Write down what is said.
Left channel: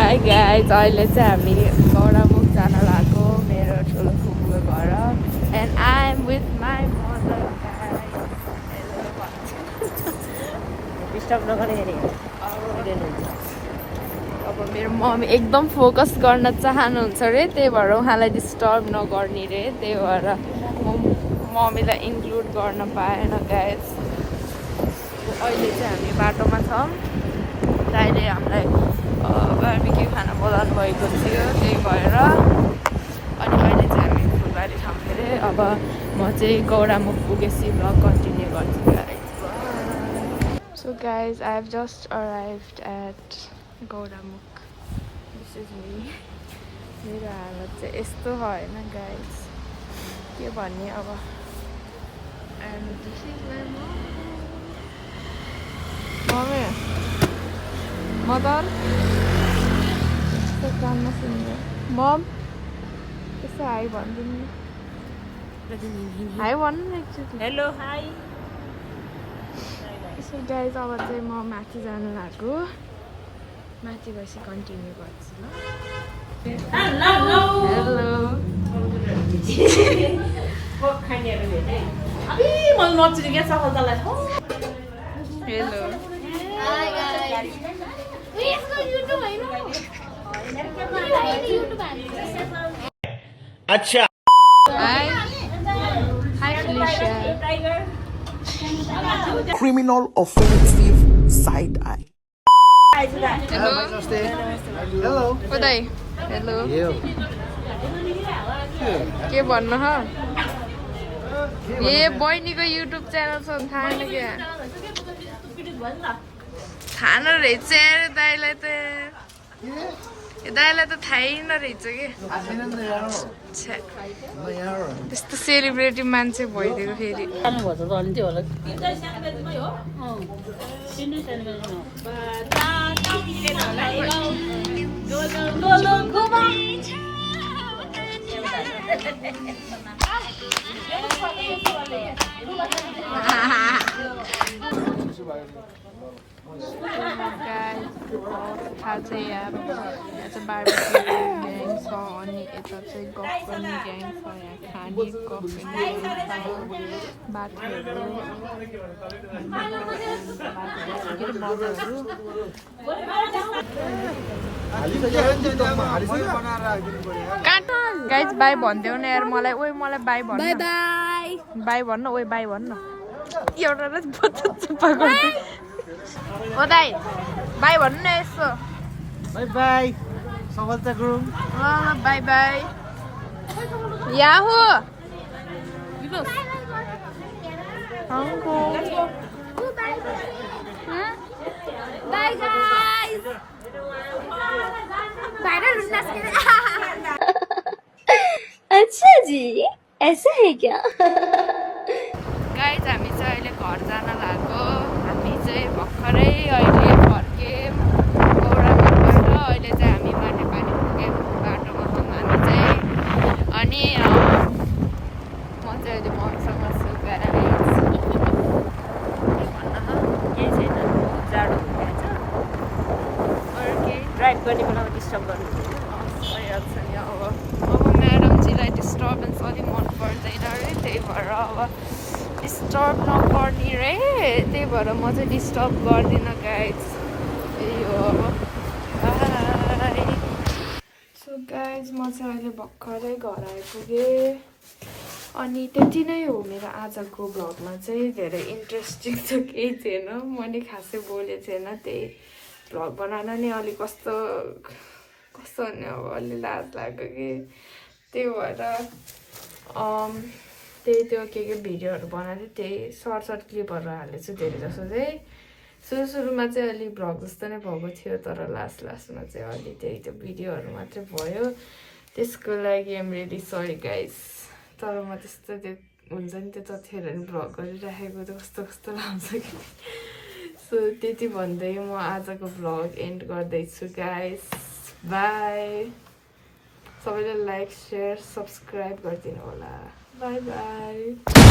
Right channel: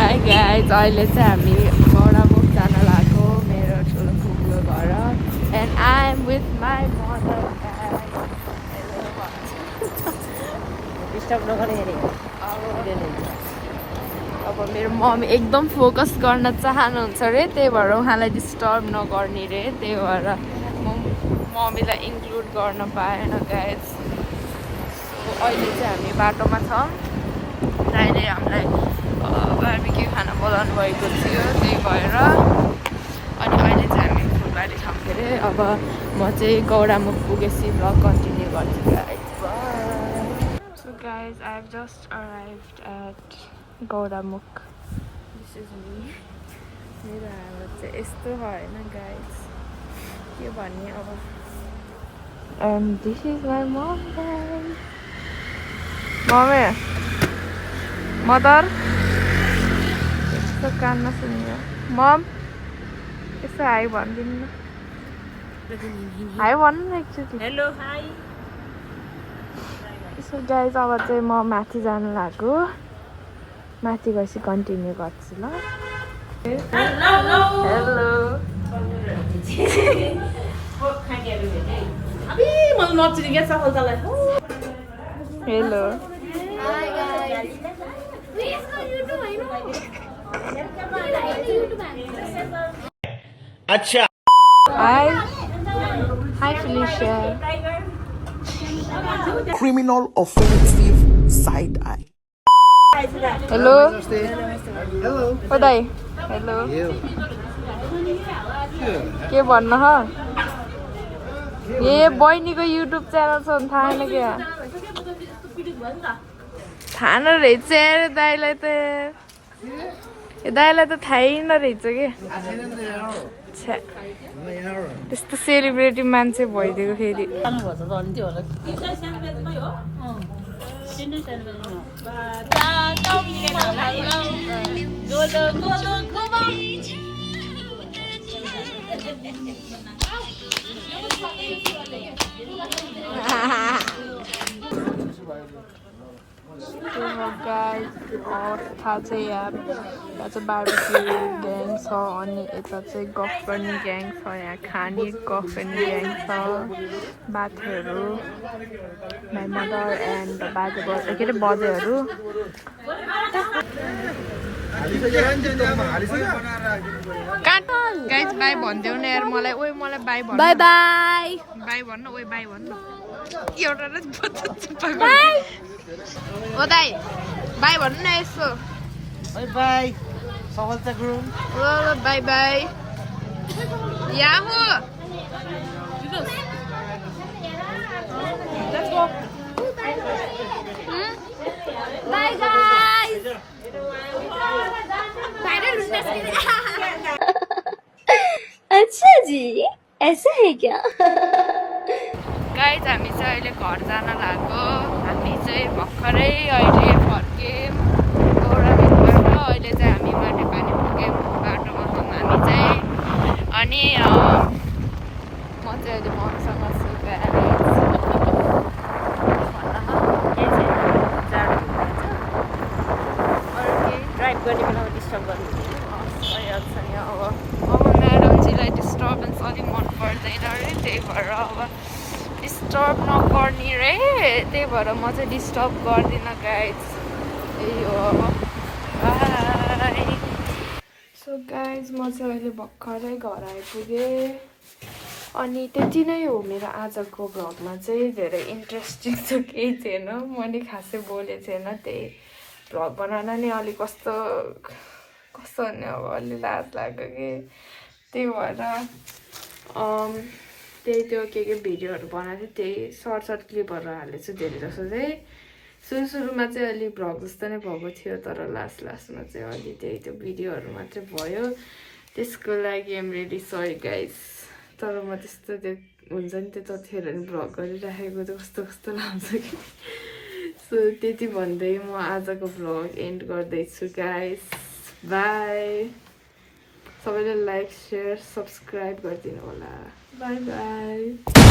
Hi guys अहिले चाहिँ हामी गौडामुख जान लागेको मेरो ठुलो फुपूको घर and I am with my mother अब मेरो मम्मी एकदम फोकस गर्न चाहनुहुन्छ अरे त्यही भएर उहाँलाई डिस्टर्ब नगर्ने रे त्यही भएर म मम्मीलाई इन्क्लुड गर्न पाएन गाइज अहिले चाहिँ हामी बाटोमा छौँ दाइले हामीलाई बार्बिक्यू खाना बोलाउनु भएको थियो त्यही भएर अनि अहिले चाहिँ हामी फुलबारी छौँ फेरि अब म चाहिँ गौडामुख पुगेपछि भ्लग कन्टिन्यू गर्छु guys so guys I have just arrived at Gaudamukh this is me मेरो हालत चाहिँ यस्तो होइन गाइज के भन्ने अब and this is my mom mummy mother यस्तो कान नसुन्यो मम यस्तो हाई भनिदिनु न हाई भन्नु न एकचोटि हेलो हाई सो गाइज अब चाहिँ म माथि जानु लाग्यो माथि गएपछि कन्टिन्यू गर्छु ल हेलो हेलो अच्छा high high Felicia criminal offensive side eye hello hello ओ दाइ हेलो के भन्नु ह ए बहिनीको युट्युब च्यानल छ भने थाहा छैन क्या थाहा नरहेछ दाइलाई त दाइलाई त थाहै नरहेछ कि त्यस्तो सेलिब्रेटी मान्छे भइदिएको फेरि थाहा चाहिँ यहाँ चाहिँ बार्बिक्यू ग्याङ छ अनि यता चाहिँ गफ गर्ने ग्याङ छ यहाँ खाने गफ गर्ने ग्याङ छ बाथहरू माई मदर एन्ड बाजे बजे के अरे बजेहरू गाइज बाई भनिदेऊ न यार मलाई ओइ मलाई बाई भन्नु बाई बाई बाई भन्नु ओइ बाई भन्नु एउटा ओ दाइ बाई भन्नु न यसो bye bye सफलता गुरुङ ल ल by by Yahoo Let's go. Bye guys. अच्छा जी ऐसा है क्या गाइज हामी चाहिँ अहिले घर जान लाग्यो हामी चाहिँ भर्खरै अहिले फर्क्यौँ अहिले चाहिँ हामी माथि पानी पुग्यौँ बाटोमा छौँ हामी चाहिँ अनि म चाहिँ अहिले मम्मीसँग छु भइहाल्छ नि अब म्याडमजीलाई डिस्टर्बेन्स अलिक मन पर्दैन अरे त्यही भएर अब डिस्टर्ब नगर्ने रे त्यही भएर म चाहिँ डिस्टर्ब गर्दिनँ गाइज त्यही हो अब बाई सो गाइज म चाहिँ अहिले भर्खरै घर आइपुगेँ अनि त्यति नै हो मेरो आजको भ्लगमा चाहिँ धेरै इन्ट्रेस्टिङ त केही थिएन मैले खासै बोलेको थिएन त्यही भ्लग बनाउन नि अलिक कस्तो भन्ने अब अलि लाज लाग्यो कि त्यही भएर त्यही त्यो के भिडियोहरू बनाएको थिएँ त्यही सर्ट क्लिपहरू हालेको छु धेरै जस्तो चाहिँ सुरुमा चाहिँ अलि भ्लग जस्तो नै भएको थियो तर लास्टमा चाहिँ अलि त्यही त्यो भिडियोहरू मात्रै भयो त्यसको लागि आम रियली सरी गाइज तर म त्यस्तो त्यो हुन्छ नि त्यो त्यतिखेर नि भ्लग गरिराखेको त कस्तो लाग्छ कि सो त्यति भन्दै म आजको भ्लग एन्ड गर्दैछु गाइज बाई सबैले लाइक सेयर सब्सक्राइब गरिदिनु होला बाई बाई